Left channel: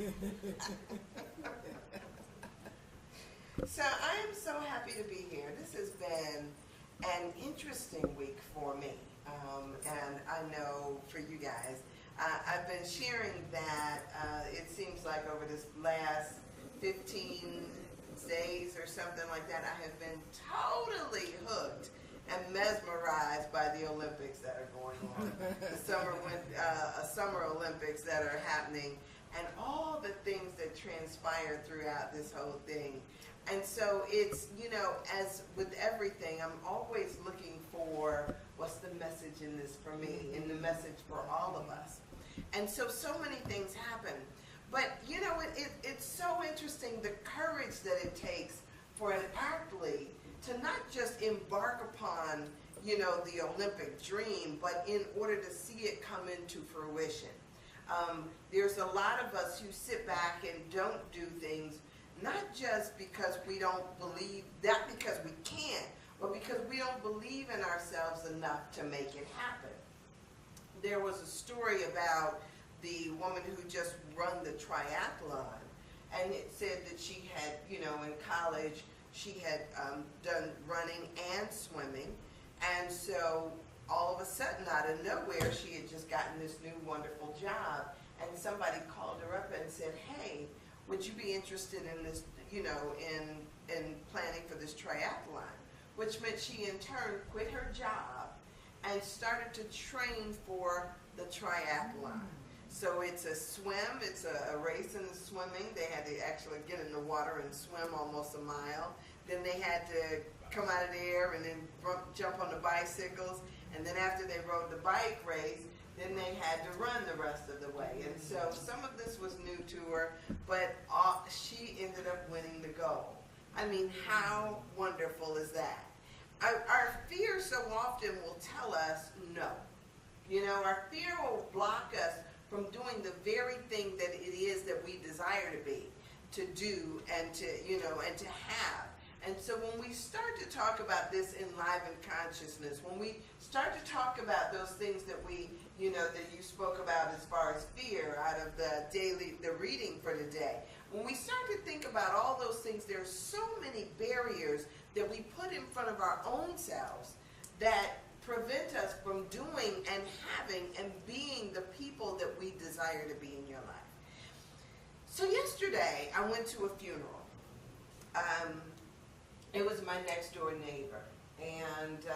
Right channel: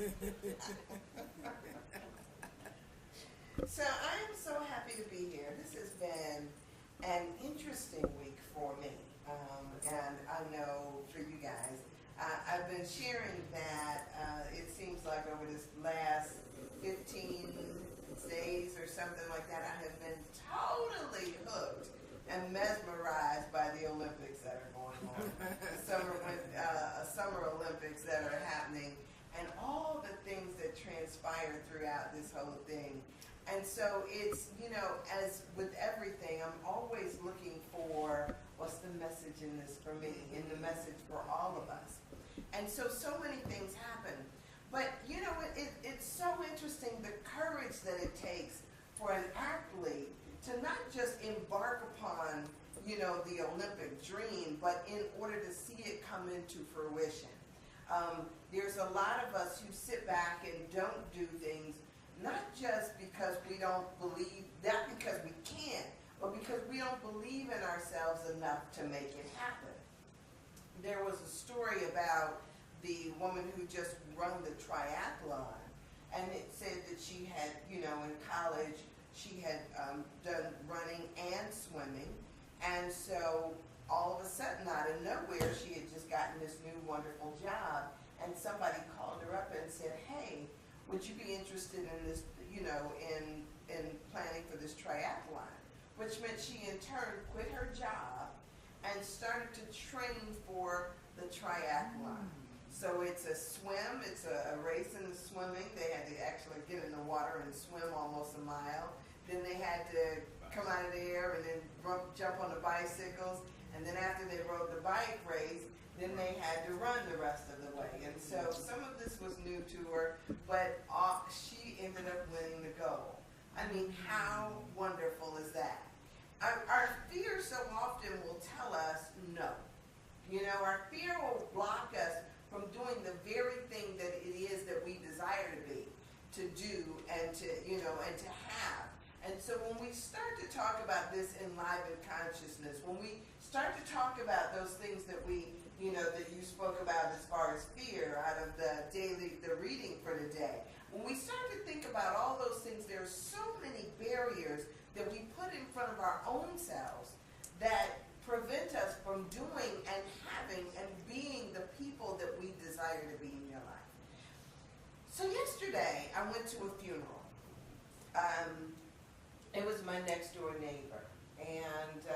So I am so happy to be here. This has been an interesting week for me, and I know for you guys. I've been sharing that it seems like over this last 15 days or something like that, I have been totally hooked and mesmerized by the Olympics that are going on, summer Olympics that are happening, and all the things that transpire throughout this whole thing. And so it's, as with everything, I'm always looking for what's the message in this for me, and the message for all of us. And so many things happen. But, it's so interesting the courage that it takes for an athlete to not just embark upon, the Olympic dream, but in order to see it come into fruition. There's a lot of us who sit back and don't do things, not just because we don't believe, not because we can't, but because we don't believe in ourselves enough to make it happen. There was a story about the woman who just run the triathlon, and it said that she had, in college, she had done running and swimming, and so all of a sudden, out of nowhere, she had just gotten this new wonderful job, and somebody called her up and said, hey, would you be interested in this, in planning for this triathlon? Which meant she in turn quit her job and started to train for the triathlon. So it's a swim, it's a race in the swimming. They had to actually get in the water and swim almost a mile. Then they had to come out of the air and then jump on the bicycles. And then after they rode the bike race, then they had to run the rest of the way. And so some of this was new to her, but she ended up winning the gold. I mean, how wonderful is that? Our fear so often will tell us no. Our fear will block us from doing the very thing that it is that we desire to be, to do, and to, and to have. And so when we start to talk about this enlivened consciousness, when we start to talk about those things that we, that you spoke about as far as fear out of the reading for today, when we start to think about all those things, there's so many barriers that we put in front of our own selves that prevent us from doing and having and being the people that we desire to be in your life. So yesterday, I went to a funeral. It was my next door neighbor, and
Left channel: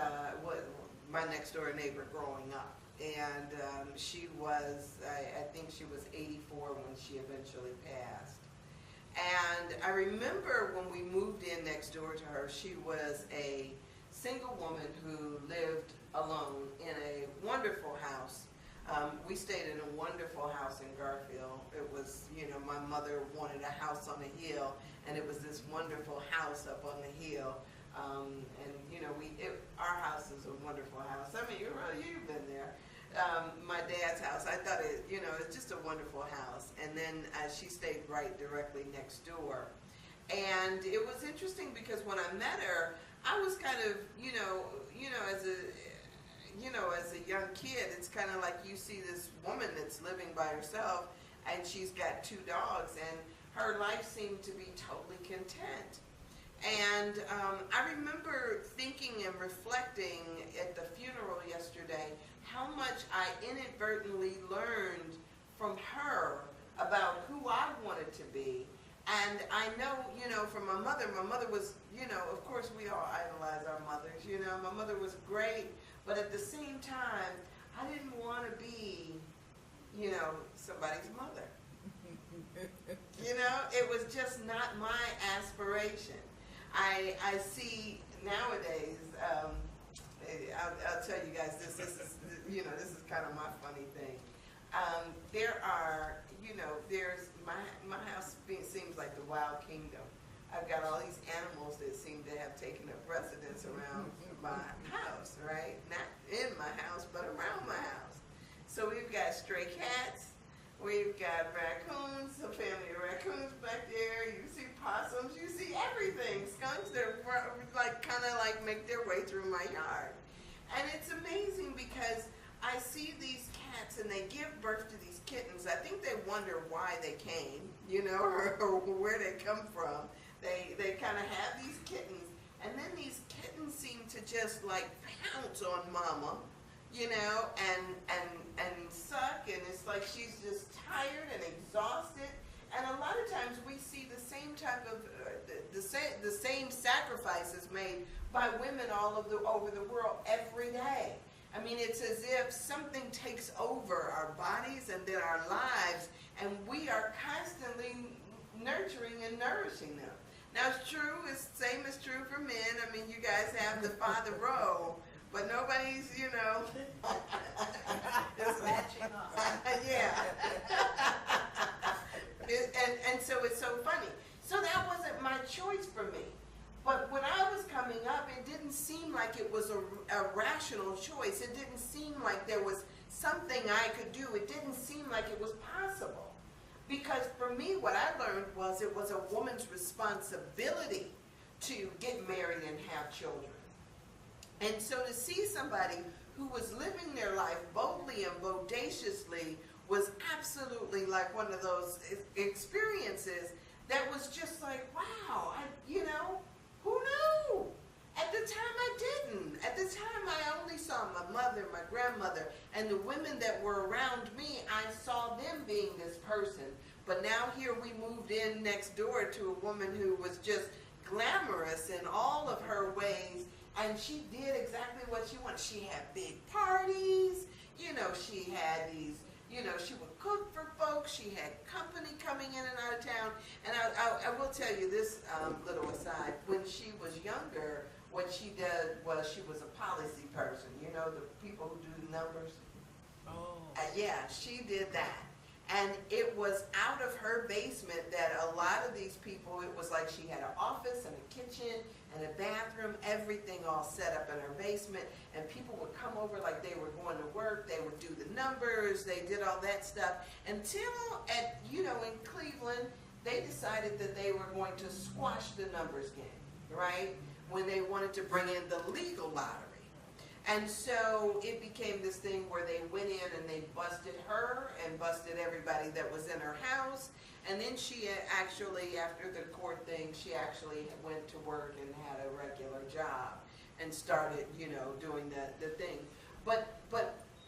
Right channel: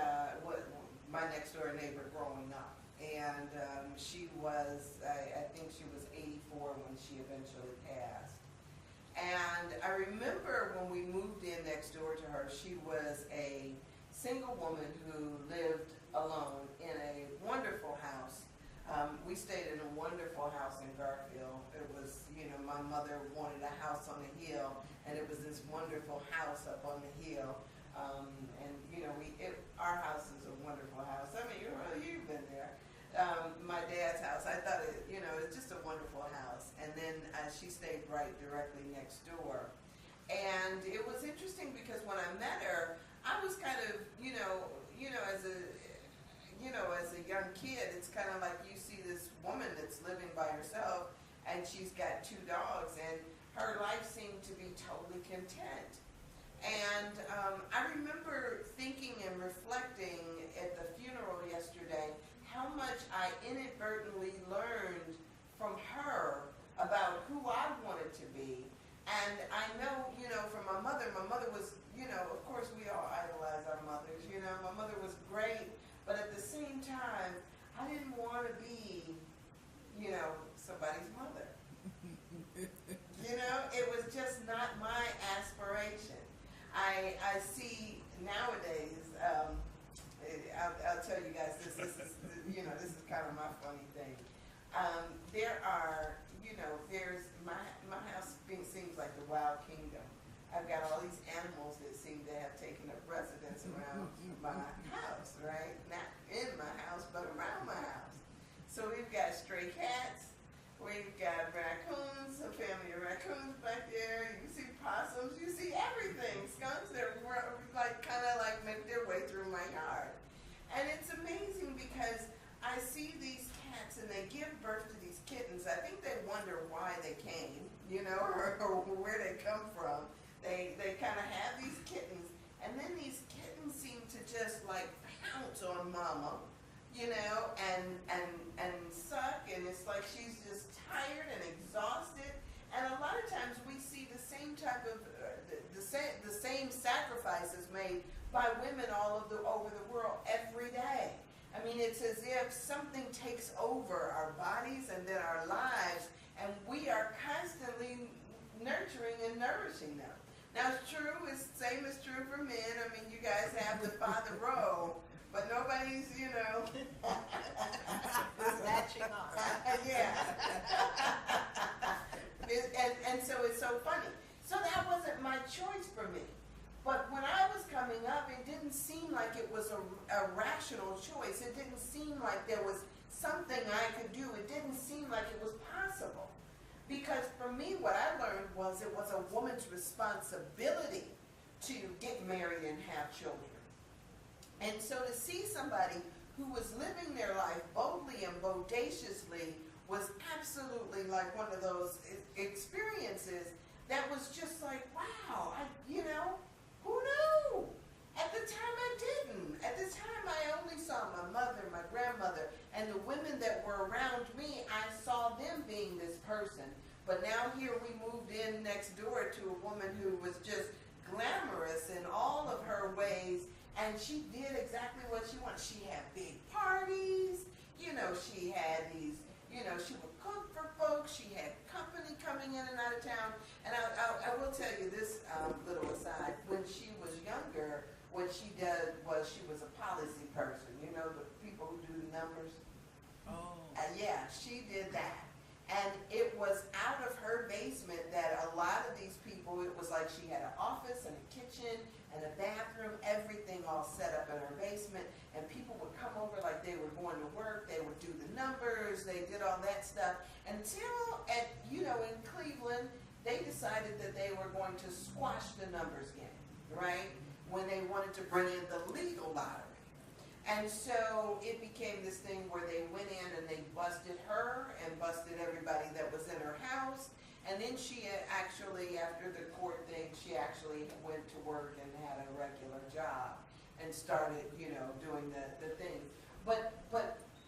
my next door neighbor growing up. And she was, I think she was 84 when she eventually passed. And I remember when we moved in next door to her, she was a single woman who lived alone in a wonderful house. We stayed in a wonderful house in Garfield. It was, my mother wanted a house on a hill, and it was this wonderful house up on the hill. Our house is a wonderful house. I mean, you've been there. My dad's house, I thought it's just a wonderful house. And then she stayed right directly next door. And it was interesting because when I met her, I was kind of, as a young kid, it's kind of like you see this woman that's living by herself, and she's got 2 dogs, and her life seemed to be totally content. And I remember thinking and reflecting at the funeral yesterday how much I inadvertently learned from her about who I wanted to be. And I know, from my mother was, of course we all idolize our mothers, my mother was great, but at the same time, I didn't want to be, somebody's mother. It was just not my aspiration. I see nowadays, I'll tell you guys this is kind of my funny thing. There are, there's my house seems like the wild kingdom. I've got all these animals that seem to have taken up residence around my house, right? Not in my house, but around my house. So we've got stray cats, we've got raccoons, a family of raccoons back there, you see possums, you see everything. Skunks that kind of make their way through my yard. And it's amazing because I see these cats and they give birth to these kittens. I think they wonder why they came, or where they come from. They kind of have these kittens, and then these kittens seem to just like pounce on mama, and suck, and it's like she's just tired and exhausted. And a lot of times we see the same type of the same sacrifices made by women over the world every day. I mean, it's as if something takes over our bodies and then our lives, and we are constantly nurturing and nourishing them. Now, it's true, it's same is true for men. I mean, you guys have the father role, but nobody's, matching up. Yeah. And so it's so funny. So that wasn't my choice for me. But when I was coming up, it didn't seem like it was a rational choice. It didn't seem like there was something I could do. It didn't seem like it was possible. Because for me, what I learned was it was a woman's responsibility to get married and have children. And so to see somebody who was living their life boldly and bodaciously was absolutely like one of those experiences that was just like, wow, who knew? At the time I didn't. At the time I only saw my mother, my grandmother, and the women that were around me. I saw them being this person. But now here we moved in next door to a woman who was just glamorous in all of her ways, and she did exactly what she wanted. She had big parties, she had these, she would cook for folks. She had company coming in and out of town. And I will tell you this little aside. When she was younger, what she did was she was a policy person. The people who do the numbers. Oh. Yeah, she did that. And it was out of her basement that a lot of these people, it was like she had an office and a kitchen and a bathroom, everything all set up in her basement, and people would come over like they were going to work. They would do the numbers, they did all that stuff, until in Cleveland, they decided that they were going to squash the numbers game, right? When they wanted to bring in the legal lottery. And so it became this thing where they went in and they busted her and busted everybody that was in her house. And then she actually, after the court thing, she actually went to work and had a regular job and started, doing the thing. But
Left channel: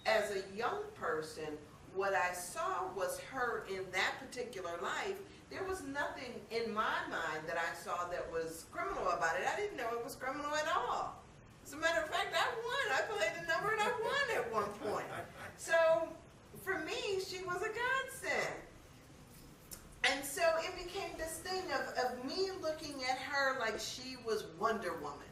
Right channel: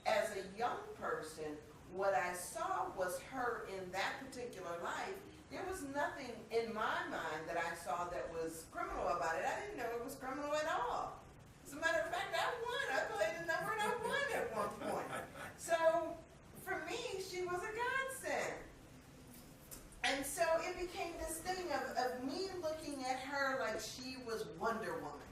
as a young person, what I saw was her in that particular life. There was nothing in my mind that I saw that was criminal about it. I didn't know it was criminal at all. As a matter of fact, I won. I played the number and I won at one point. So for me, she was a godsend. And so it became this thing of me looking at her like she was Wonder Woman,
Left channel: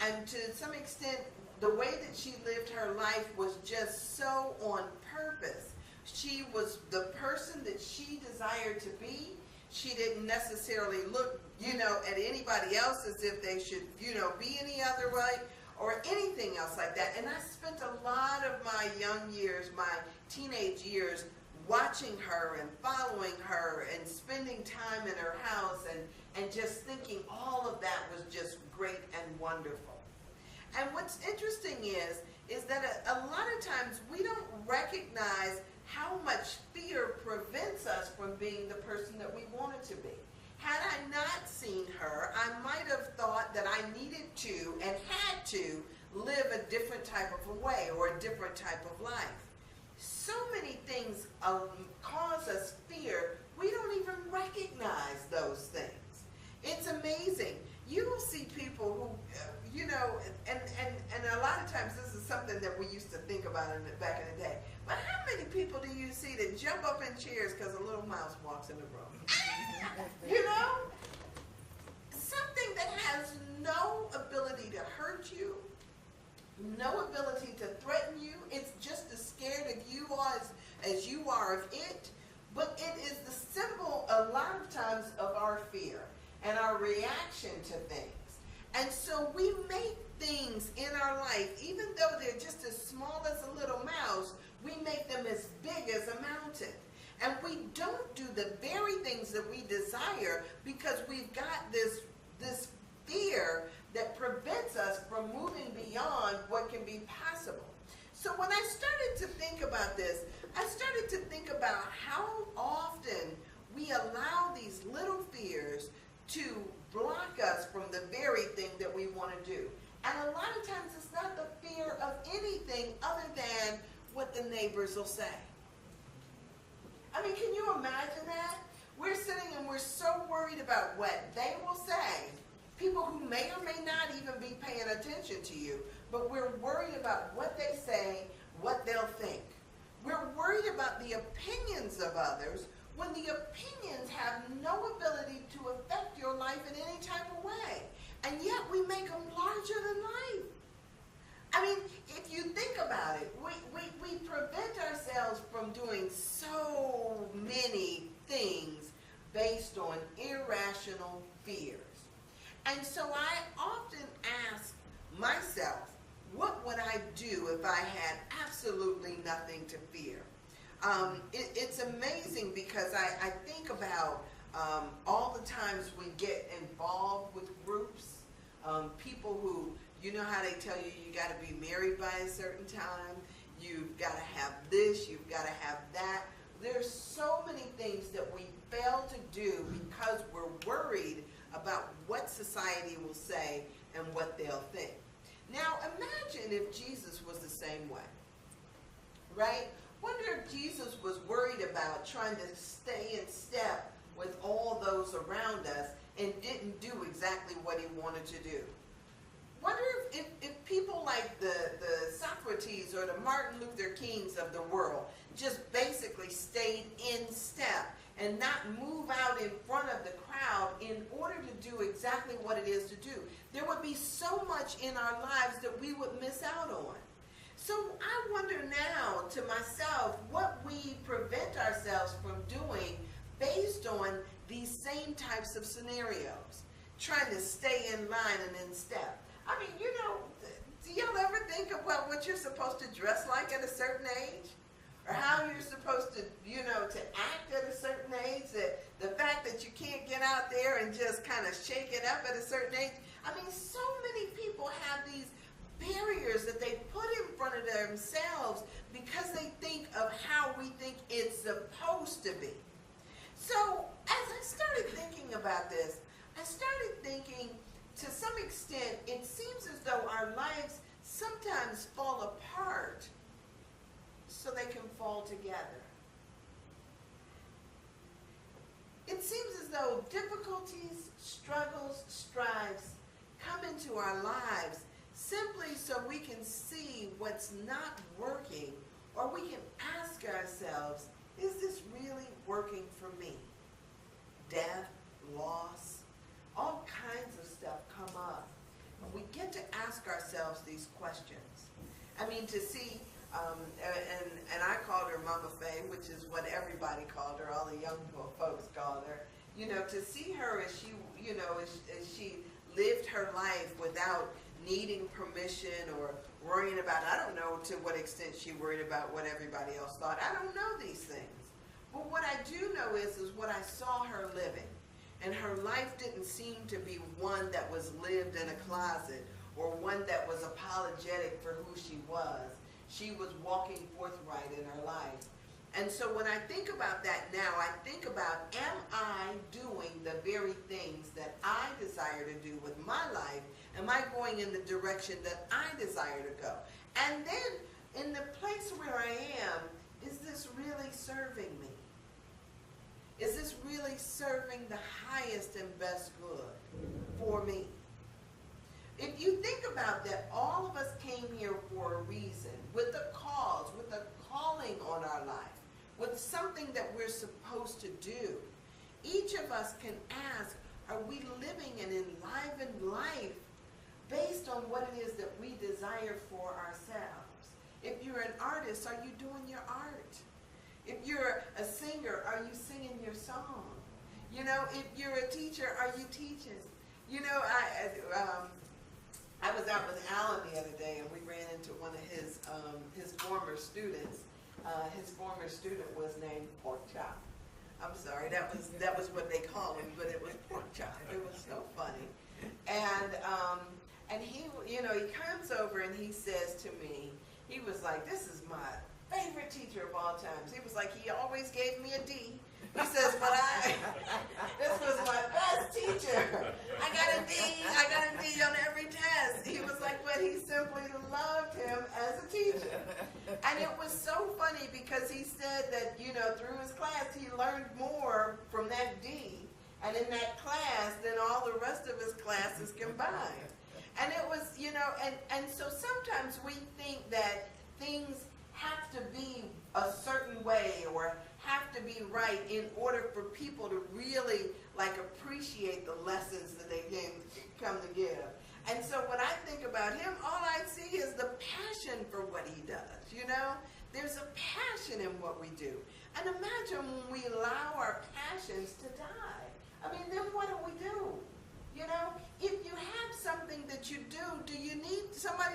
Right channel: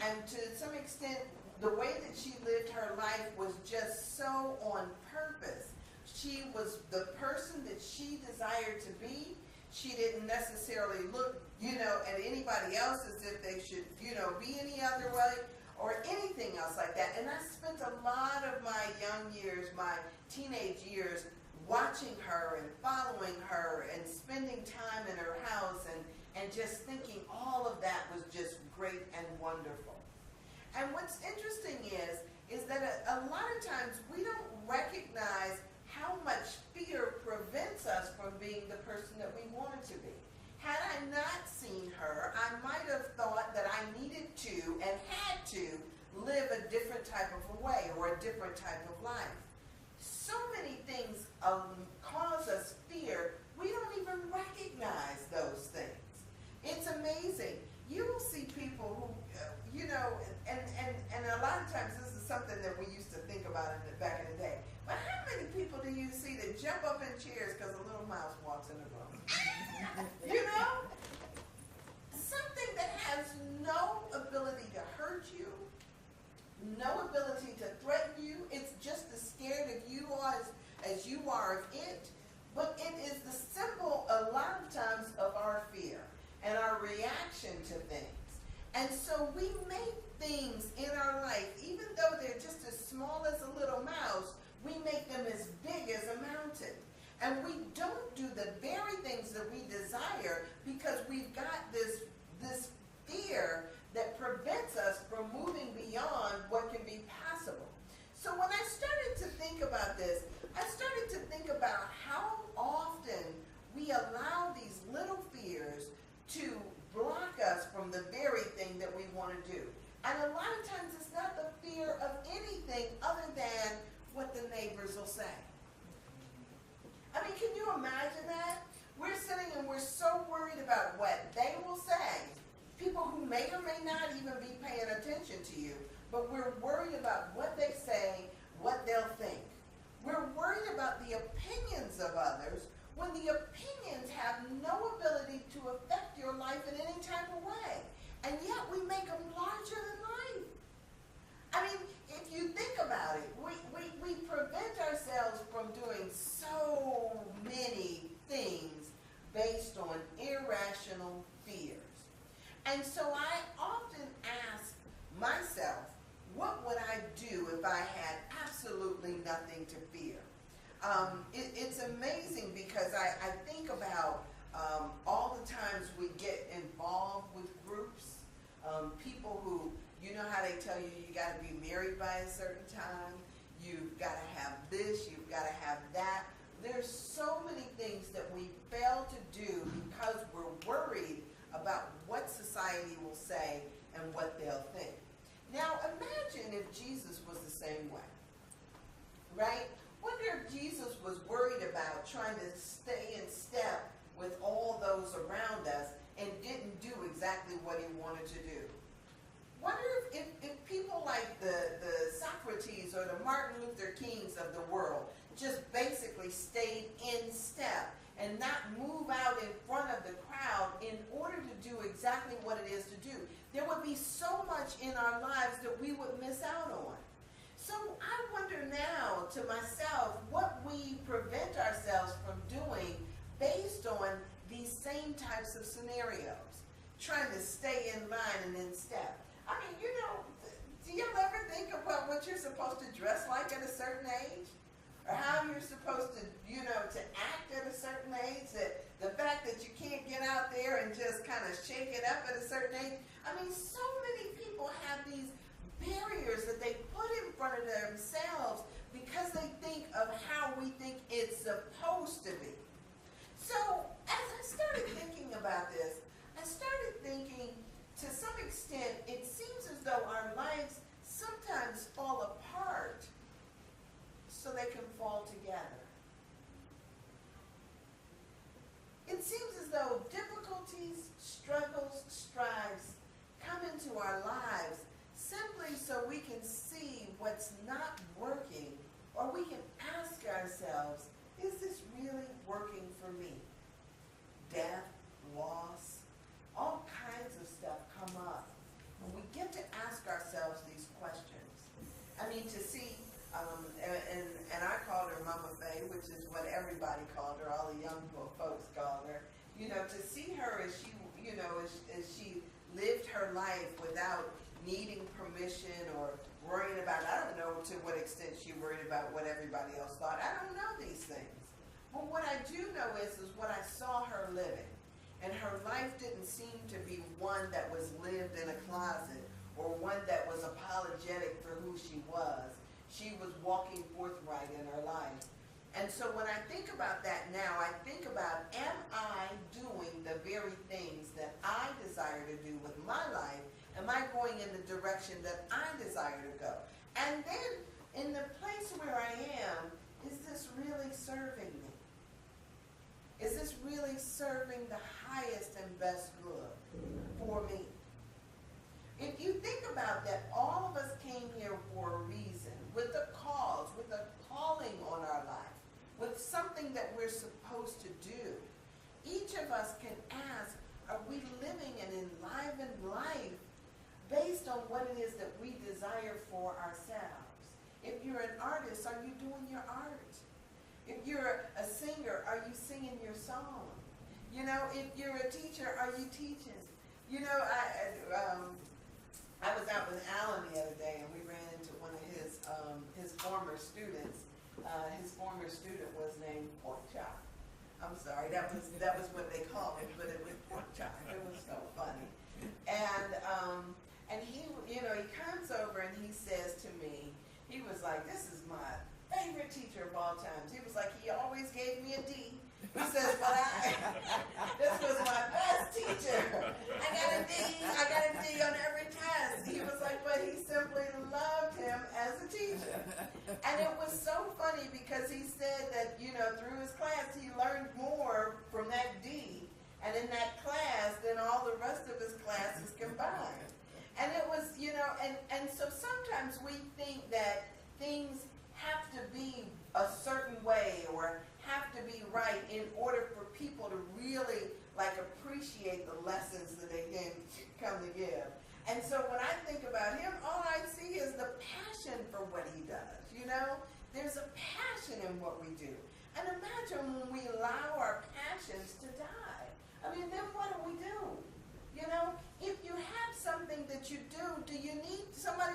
and to some extent, the way that she lived her life was just so on purpose. She was the person that she desired to be. She didn't necessarily look, at anybody else as if they should, be any other way or anything else like that. And I spent a lot of my young years, my teenage years, watching her and following her and spending time in her house and just thinking all of that was just great and wonderful. And what's interesting is that a lot of times we don't recognize how much fear prevents us from being the person that we wanted to be. Had I not seen her, I might have thought that I needed to and had to live a different type of a way or a different type of life. So many things cause us fear, we don't even recognize those things. It's amazing. You will see people who, and a lot of times this is something that we used to think about back in the day. But how many people do you see that jump up in chairs because a little mouse walks in the room? Something that has no ability to hurt you, no ability to threaten you. It's just as scared of you as you are of it. But it is the symbol a lot of times of our fear and our reaction to things. And so we make things in our life, even though they're just as small as a little mouse, we make them as big as a mountain. And we don't do the very things that we desire because we've got this fear that prevents us from moving beyond what can be possible. So when I started to think about this, I started to think about how often others will say. I mean, can you imagine that? We're sitting and we're so worried about what they will say. People who may or may not even be paying attention to you, but we're worried about what they say, what they'll think. We're worried about the opinions of others when the opinions have no ability to affect your life in any type of way. And yet we make them larger than life. I mean, if you think about it, we prevent ourselves from doing so many things based on irrational fears. And so I often ask myself, what would I do if I had absolutely nothing to fear? It's amazing because I think about all the times we get involved with groups, people who, you know how they tell you you got to be married by a certain time, you've got to have this, you've got to have that. There's so many things that we fail to do because we're worried about what society will say and what they'll think. Now imagine if Jesus was the same way, right? Wonder if Jesus was worried about trying to stay in step with all those around us and didn't do exactly what he wanted to do. Wonder if people like the Socrates or the Martin Luther Kings of the world just basically stayed in step and not move out in front of the crowd in order to do exactly what it is to do. There would be so much in our lives that we would miss out on. So I wonder now to myself what we prevent ourselves from doing based on these same types of scenarios, trying to stay in line and in step. I mean, you know, do y'all ever think about what you're supposed to dress like at a certain age? Or how you're supposed to, you know, to act at a certain age, that the fact that you can't get out there and just kind of shake it up at a certain age. I mean, so many people have these barriers that they put in front of themselves because they think of how we think it's supposed to be. So as I started thinking about this, I started thinking, to some extent, it seems as though our lives sometimes fall apart so they can fall together. It seems as though difficulties, struggles, strives come into our lives simply so we can see what's not working, or we can ask ourselves, is this really working for me? Death, loss, all kinds of stuff come up. And we get to ask ourselves these questions. I mean, to see, and I called her Mama Faye, which is what everybody called her, all the young folks called her. You know, to see her as she, you know, as she lived her life without needing permission or worrying about, I don't know to what extent she worried about what everybody else thought. I don't know these things. But what I do know is what I saw her living. And her life didn't seem to be one that was lived in a closet or one that was apologetic for who she was. She was walking forthright in her life. And so when I think about that now, I think about, am I doing the very things that I desire to do with my life? Am I going in the direction that I desire to go? And then in the place where I am, is this really serving me? Is this really serving the highest and best good for me? If you think about that, all of us came here for a reason, with a cause, with a calling on our life, with something that we're supposed to do. Each of us can ask, are we living an enlivened life based on what it is that we desire for ourselves? If you're an artist, are you doing your art? If you're a singer, are you singing your song? You know, if you're a teacher, are you teaching? You know, I was out with Alan the other day, and we ran into one of his former students. His former student was named Pork Chop. I'm sorry, that was what they called him, but it was Pork Chop. It was so funny. And he, you know, he comes over and he says to me, he was like, this is my favorite teacher of all times. He was like, he always gave me a D. He says, but this was my best teacher. I got a D on every test. He was like, but he simply loved him as a teacher. And it was so funny because he said that, you know, through his class, he learned more from that D and in that class than all the rest of his classes combined. And it was, you know, and so sometimes we think that things have to be a certain way or have to be right in order for people to really like appreciate the lessons that they can come to give. And so when I think about him, all I see is the passion for what he does, you know? There's a passion in what we do. And imagine when we allow our passions to die. I mean, then what do we do? You know, if you have something that you do you need somebody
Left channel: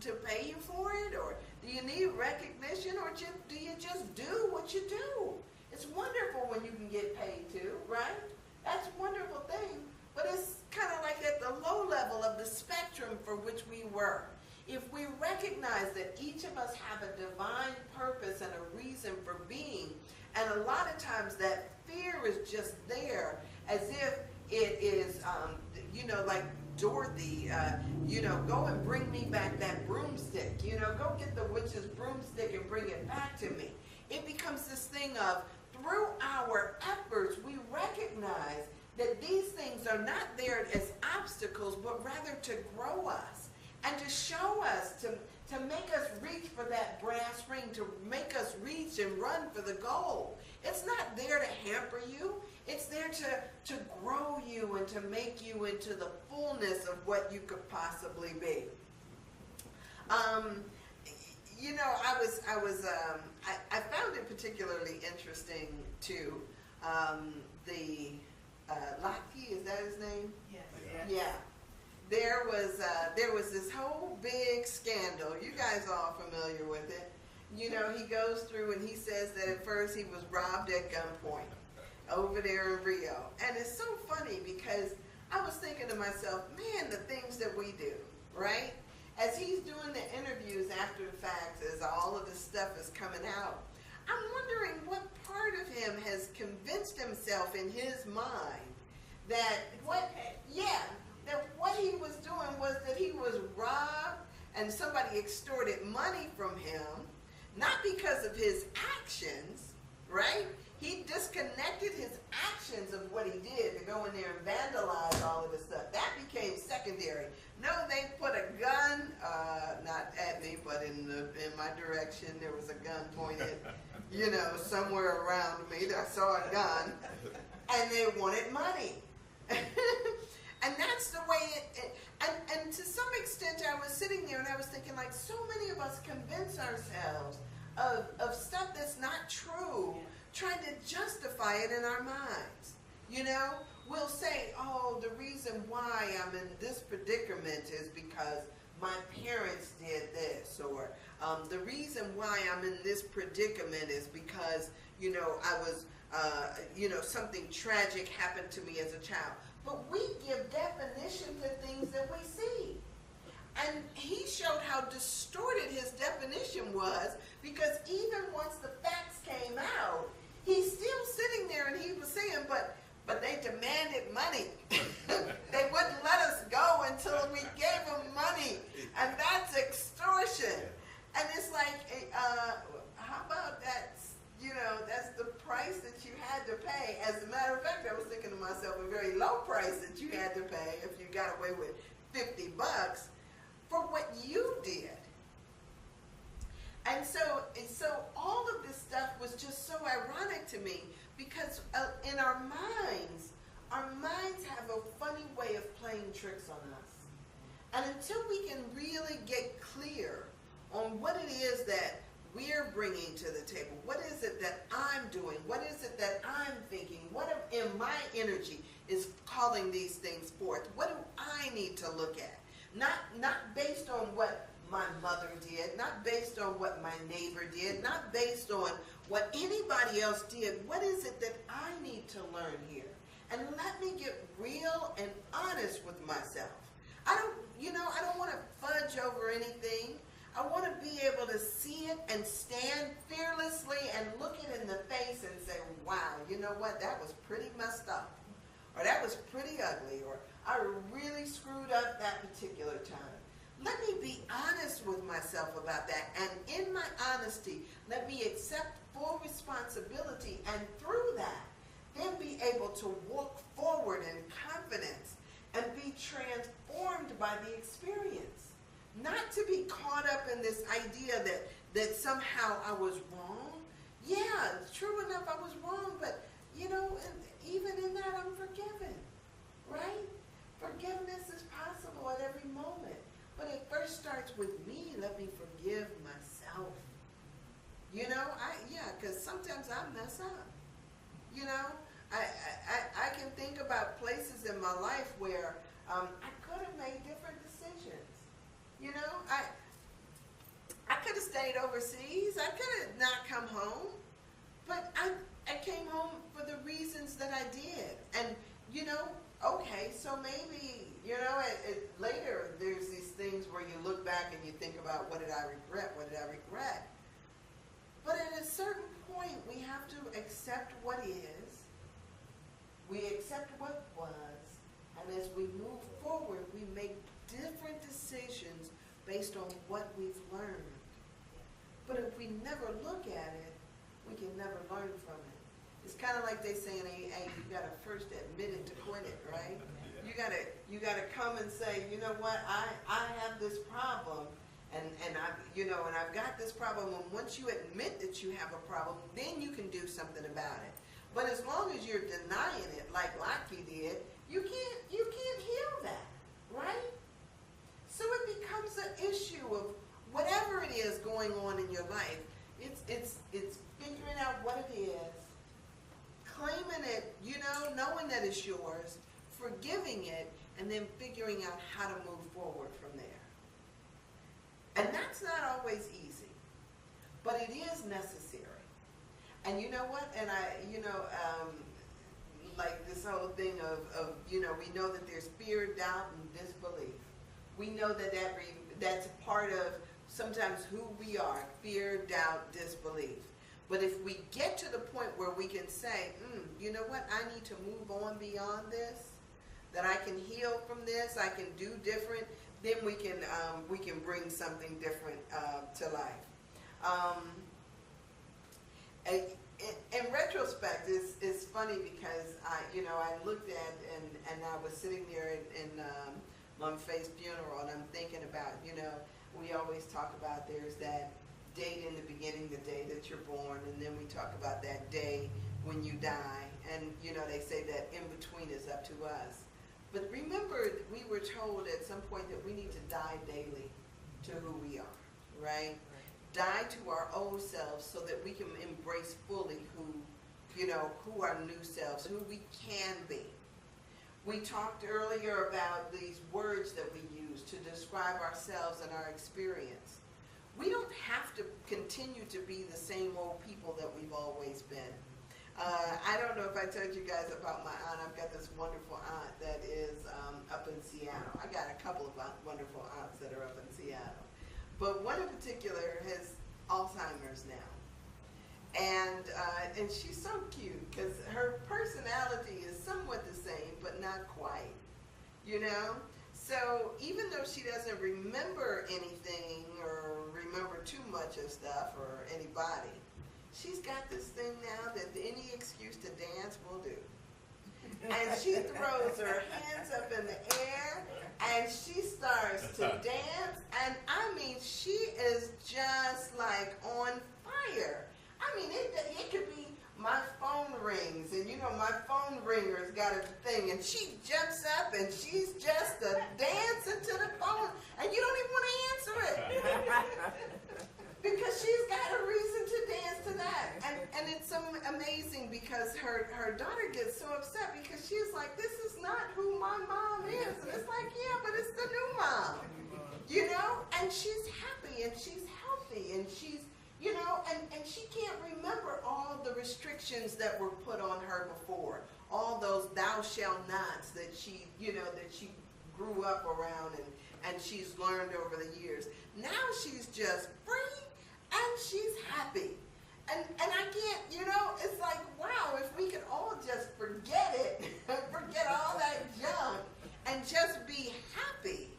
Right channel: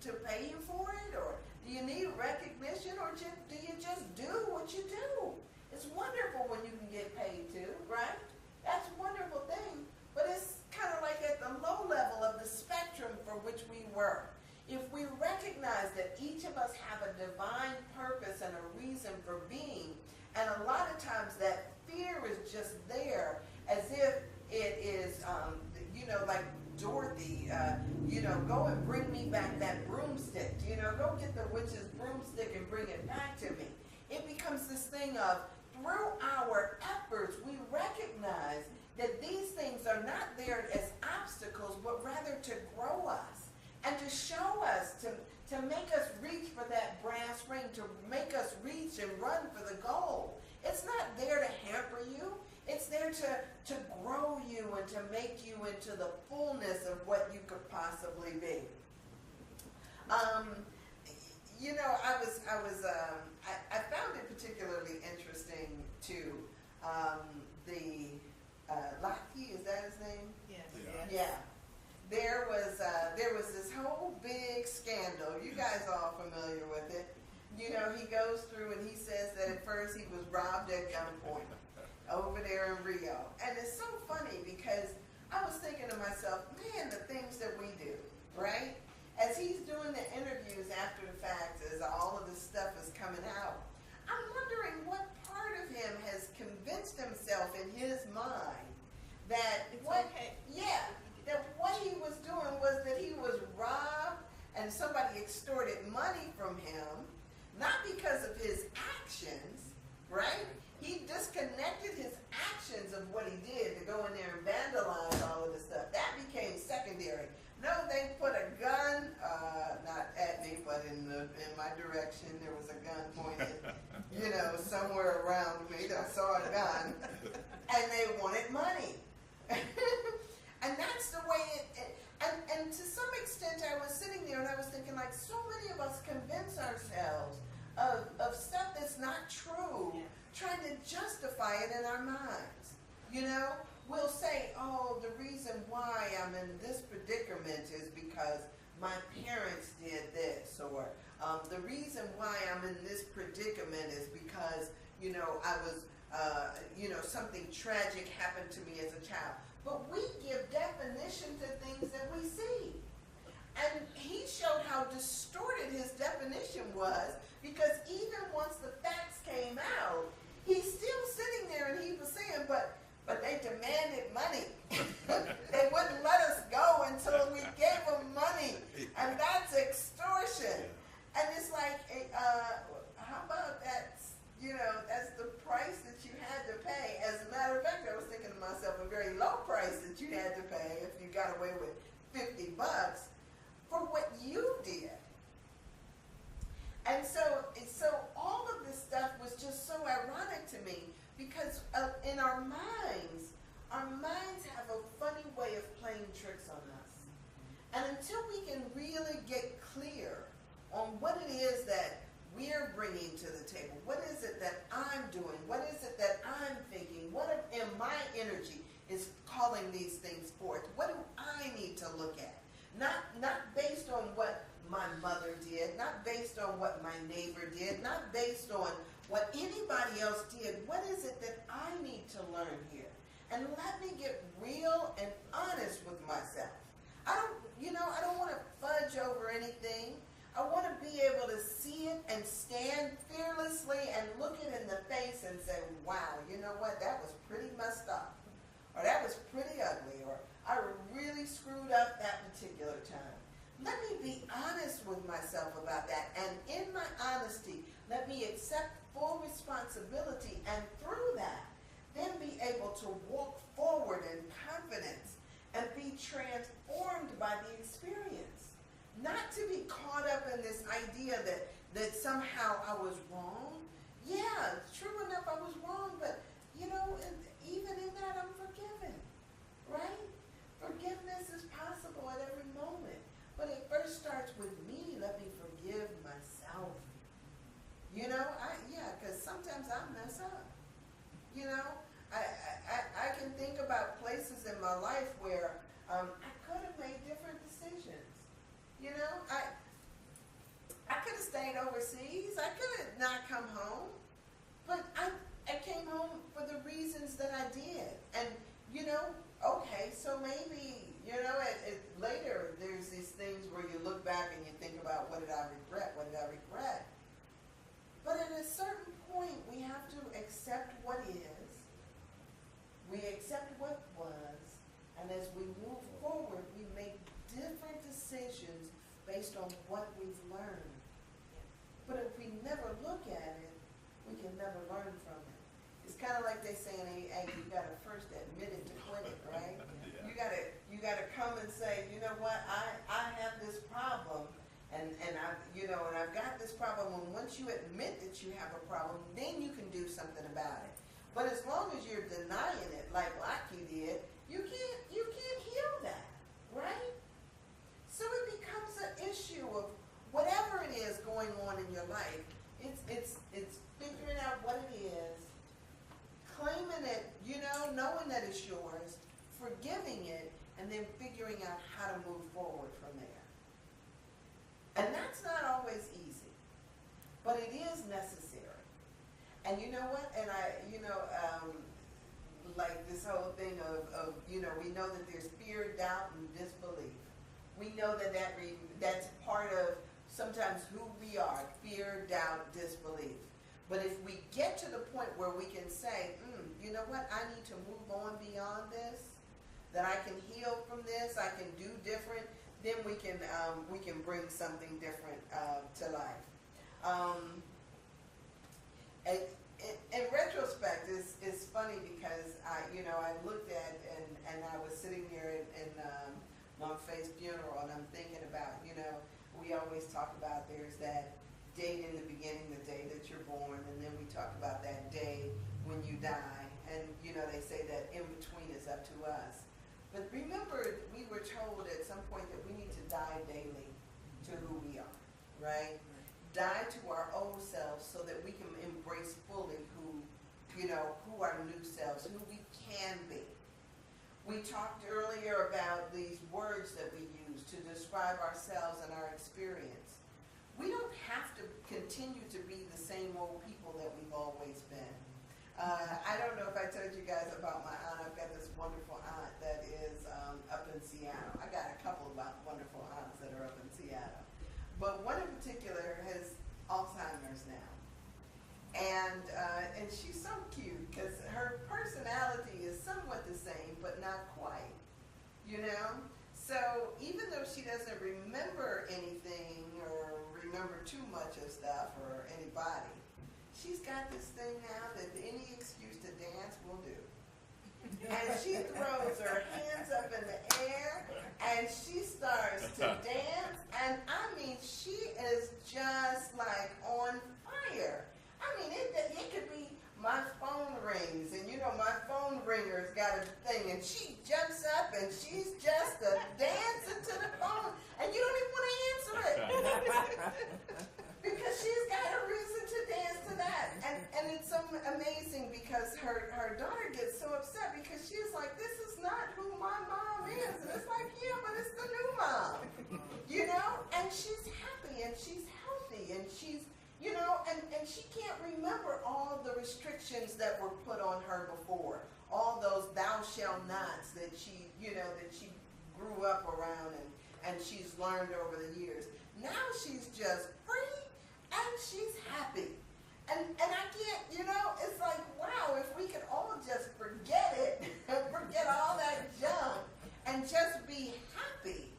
to pay you for it? Or do you need recognition? Or do you just do what you do? It's wonderful when you can get paid too, right? That's a wonderful thing. But it's kind of like at the low level of the spectrum for which we work. If we recognize that each of us have a divine purpose and a reason for being, and a lot of times that fear is just there as if it is, you know, like Dorothy, you know, go and bring me back that broomstick, you know, go get the witch's broomstick and bring it back to me. It becomes this thing of, through our efforts, we recognize that these things are not there as obstacles, but rather to grow us and to show us, to make us reach for that brass ring, to make us reach and run for the goal. It's not there to hamper you. It's there to grow you and to make you into the fullness of what you could possibly be. You know, I found it particularly interesting too. Lockheed, is that his name? Yes. Yeah. There was this whole big scandal. You guys are all familiar with it. You know, he goes through and he says that at first he was robbed at gunpoint over there in Rio. And it's so funny because I was thinking to myself, man, the things that we do, right? As he's doing the interviews after the fact, as all of this stuff is coming out, I'm wondering what part of him has convinced himself in his mind that that what he was doing was that he was robbed and somebody extorted money from him, not because of his actions, right? He disconnected his actions of what he did to go in there and vandalize all of this stuff. That became secondary. No, they put a gun, not at me, but in my direction. There was a gun pointed, you know, somewhere around me. I saw a gun, and they wanted money. And that's the way and to some extent I was sitting there and I was thinking, like, so many of us convince ourselves of stuff that's not true, trying to justify it in our minds. You know, we'll say, oh, the reason why I'm in this predicament is because my parents did this, or the reason why I'm in this predicament is because, you know, I was, you know, something tragic happened to me as a child. But we give definition to things that we see. And he showed how distorted his definition was, because even once the facts came out, he's still sitting there and he was saying, but they demanded money. They wouldn't let us go until we gave them money. And that's extortion. And it's like, how about that? You know, that's the price that you had to pay. As a matter of fact, I was thinking to myself, a very low price that you had to pay if you got away with $50 for what you did. And so all of this stuff was just so ironic to me, because in our minds have a funny way of playing tricks on us. And until we can really get clear on what it is that we're bringing to the table, what is it that I'm doing, what is it that I'm thinking, what in my energy is calling these things forth, what do I need to look at? Not based on what my mother did, not based on what my neighbor did, not based on what anybody else did. What is it that I need to learn here? And let me get real and honest with myself. I don't want to fudge over anything. I want to be able to see it and stand fearlessly and look it in the face and say, wow, you know what, that was pretty messed up. Or that was pretty ugly. Or I really screwed up that particular time. let me be honest with myself about that. And in my honesty, let me accept full responsibility, and through that, then be able to walk forward in confidence and be transformed by the experience. Not to be caught up in this idea that somehow I was wrong. Yeah, it's true enough, I was wrong, but and even in that, I'm forgiven, right? Forgiveness is possible at every moment, but it first starts with me. Let me forgive myself. Because sometimes I mess up. I can think about places in my life where I could have made different decisions. I could have stayed overseas. I could have not come home, but I came home for the reasons that I did. And okay, so maybe later there's these things where you look back and you think about, what did I regret? What did I regret? But at a certain point, we have to accept what is. We accept what was, and as we move forward, we make different decisions based on what we've learned. But if we never look at it, we can never learn from it. It's kind of like they say in AA, you got to first admit it to quit it, right? You gotta come and say, you know what, I have this problem, and I've got this problem. And once you admit that you have a problem, then you can do something about it. But as long as you're denying it, like Lockie did, you can't heal that, right? So it becomes an issue of whatever it is going on in your life. It's figuring out what it is, claiming it, knowing that it's yours, forgiving it, and then figuring out how to move forward from there. And that's not always easy, but it is necessary. And you know what? And like this whole thing of we know that there's fear, doubt, and disbelief. We know that's part of sometimes who we are: fear, doubt, disbelief. But if we get to the point where we can say, you know what, I need to move on beyond this, that I can heal from this, I can do different, then we can bring something different to life. In retrospect, it's funny because I looked at and I was sitting there in Mom Faye's funeral, and I'm thinking about, we always talk about there's that date in the beginning, the day that you're born, and then we talk about that day when you die, and they say that in between is up to us. But remember, we were told at some point that we need to die daily to who we are, right? Die to our old selves so that we can embrace fully who our new selves, who we can be. We talked earlier about these words that we use to describe ourselves and our experience. We don't have to continue to be the same old people that we've always been. I don't know if I told you guys about my aunt. I've got this wonderful aunt that is up in Seattle. I got a couple of wonderful aunts that are up in Seattle. But one in particular has Alzheimer's now. And she's so cute because her personality is somewhat the same, but not quite, So even though she doesn't remember anything or remember too much of stuff or anybody, she's got this thing now that any excuse to dance will do. And she throws her hands up in the air and she starts to dance. And I mean, she is just like on fire. I mean, it could be my phone rings, and my phone ringer's got a thing, and she jumps up and she's just dancing to the phone, and you don't even want to answer it. Because she's got a reason to dance to that. And it's so amazing because her daughter gets so upset because she's like, this is not who my mom is. And it's like, yeah, but it's the new mom. And she's happy and she's healthy and she's, and she can't remember all the restrictions that were put on her before. All those thou shalt nots that she grew up around and she's learned over the years. Now she's just free and she's happy. And I can't, it's like, wow, if we could all just forget it, forget all that junk and just be happy.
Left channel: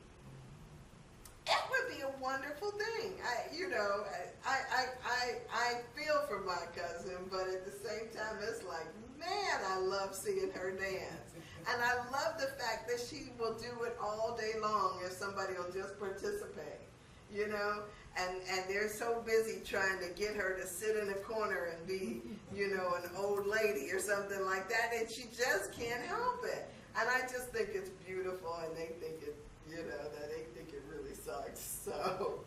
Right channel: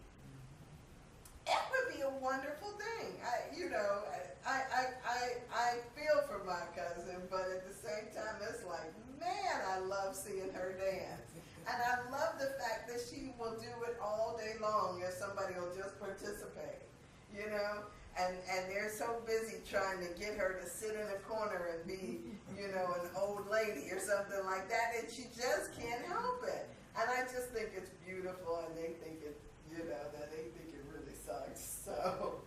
my cousin, but at the same time, it's like, man, I love seeing her dance. And I love the fact that she will do it all day long if somebody will just participate, you know? And they're so busy trying to get her to sit in a corner and be, you know, an old lady or something like that, and she just can't help it. And I just think it's beautiful, and they think it, you know, that they think it really sucks. So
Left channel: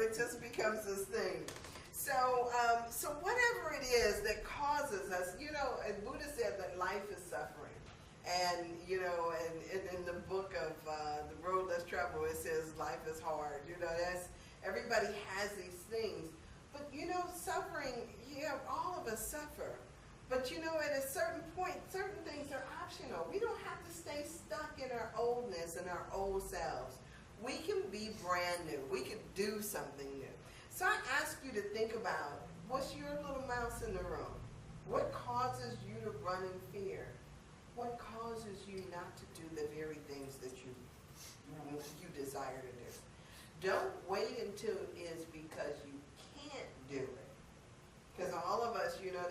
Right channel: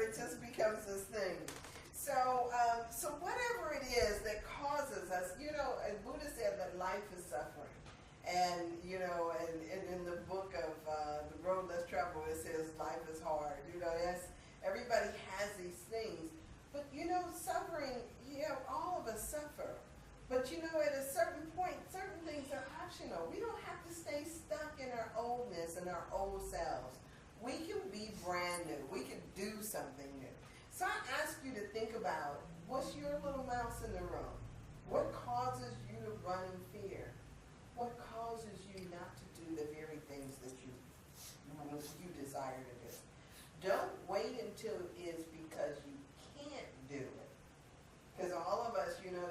it just becomes this thing. So whatever it is that causes us, you know, and Buddha said that life is suffering. And, you know, and in the book of The Road Less Traveled, it says life is hard. You know, everybody has these things. But, you know, suffering, yeah, all of us suffer. But, you know, at a certain point, certain things are optional. We don't have to stay stuck in our oldness and our old selves. We can be brand new. We can do something new. So I ask you to think about, what's your little mouse in the room? What causes you to run in fear? What causes you not to do the very things that you desire to do? Don't wait until it's because you can't do it. Because all of us, you know,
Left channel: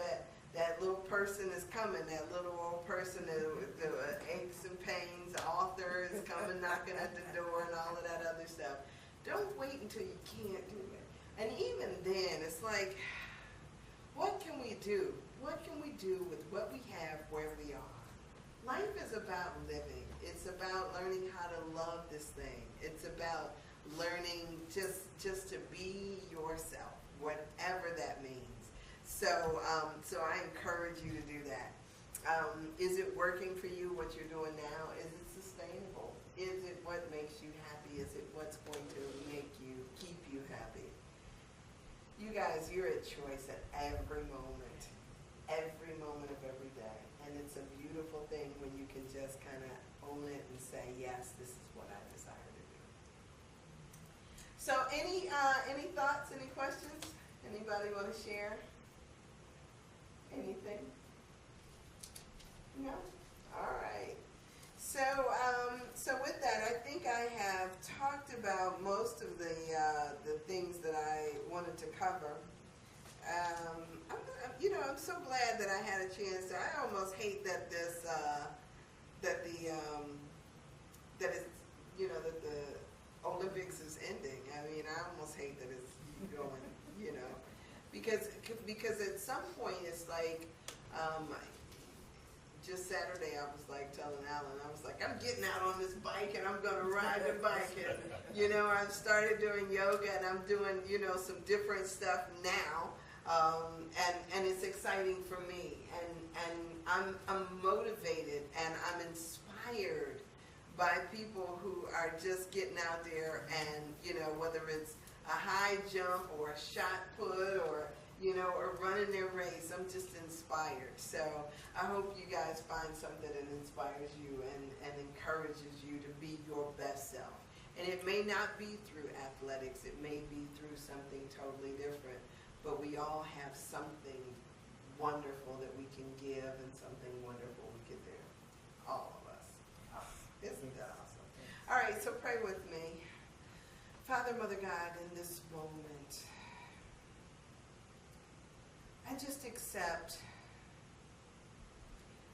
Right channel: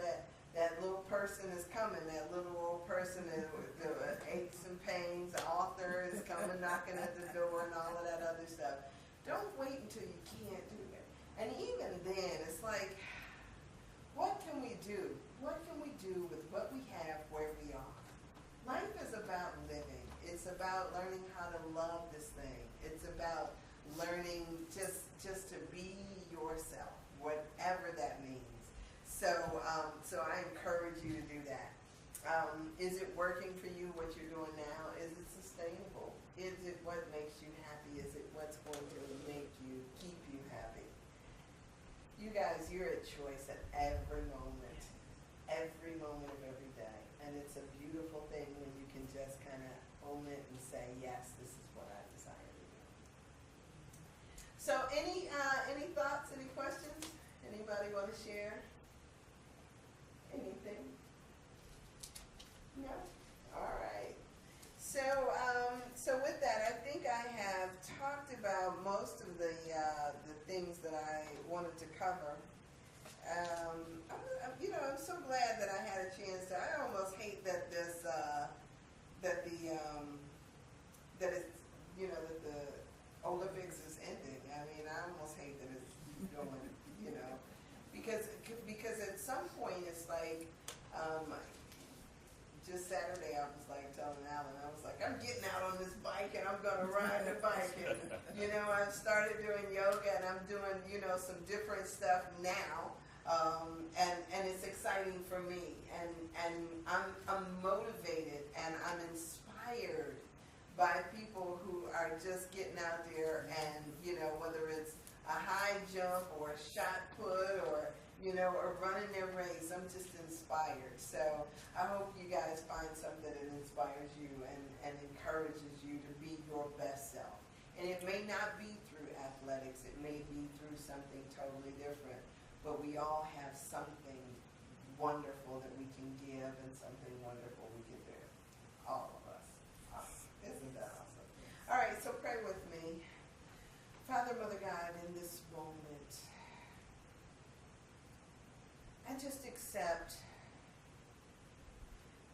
that little person is coming, that little old person with the aches and pains, the author is coming knocking at the door and all of that other stuff. Don't wait until you can't do it. And even then, it's like, what can we do? What can we do with what we have where we are? Life is about living. It's about learning how to love this thing. It's about learning just to be yourself, whatever that means. So I encourage you to do that. Is it working for you, what you're doing now? Is it sustainable? Is it what makes you happy? Is it what's going to keep you happy? You guys, you're at choice at every moment of every day. And it's a beautiful thing when you can just kind of own it and say, yes, this is what I desire to do. So any thoughts, any questions? Anybody want to share? Anything? No? All right. So with that, I think I have talked about most of the things that I wanted to cover. I'm so glad that I had a chance to. I almost hate that that the Olympics is ending. I mean, I almost hate that it's going. You know, because at some point it's like. Just Saturday, I was like telling Alan, I was like, I'm getting out on this bike and I'm going to ride the bike. And, you know, I've started doing yoga and I'm doing, you know, some different stuff now. And it's exciting for me. And I'm motivated and I'm inspired by people who are just getting out there and, you know, whether it's a high jump or a shot put or, you know, or running their race. I'm just inspired. So I hope you guys find something that inspires you and encourages you to be your best self. And it may not be through athletics. It may be through something totally different. But we all have something wonderful that we can give and something wonderful we can do. All of us. Isn't that awesome? All right, so pray with me. Father, Mother God, in this moment, I just accept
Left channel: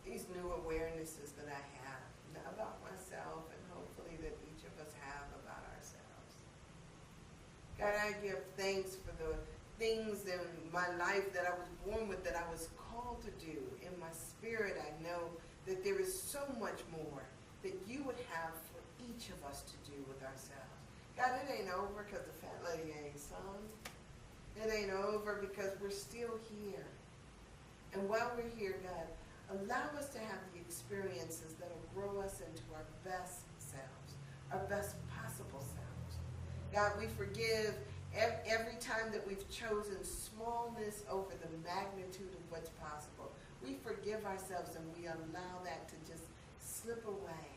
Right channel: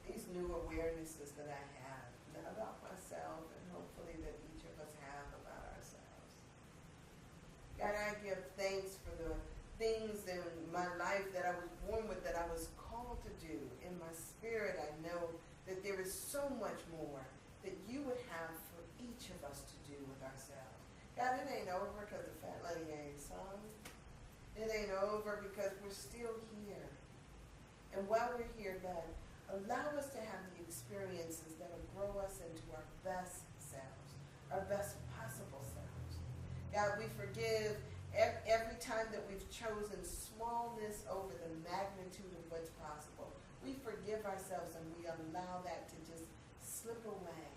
these new awarenesses that I have about myself and hopefully that each of us have about ourselves. God, I give thanks for the things in my life that I was born with, that I was called to do. In my spirit, I know that there is so much more that you would have for each of us to do with ourselves. God, it ain't over because the fat lady ain't sung. It ain't over because we're still here. And while we're here, God, allow us to have the experiences that will grow us into our best selves, our best possible selves. God, we forgive every time that we've chosen smallness over the magnitude of what's possible. We forgive ourselves and we allow that to just slip away.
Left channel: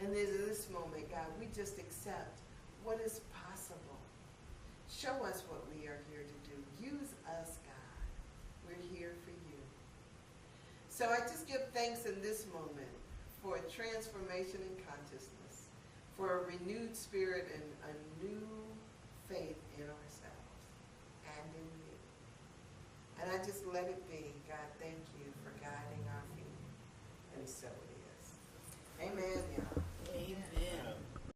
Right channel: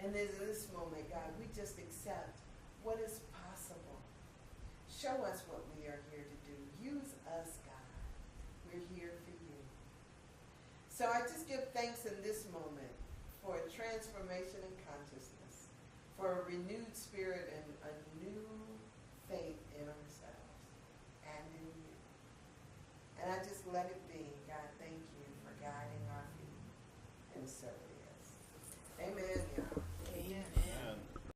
And in this moment, God, we just accept what is possible. Show us what we are here to do. Use us, God. We're here for you. So I just give thanks in this moment for a transformation in consciousness, for a renewed spirit and a new faith in ourselves and in you. And let it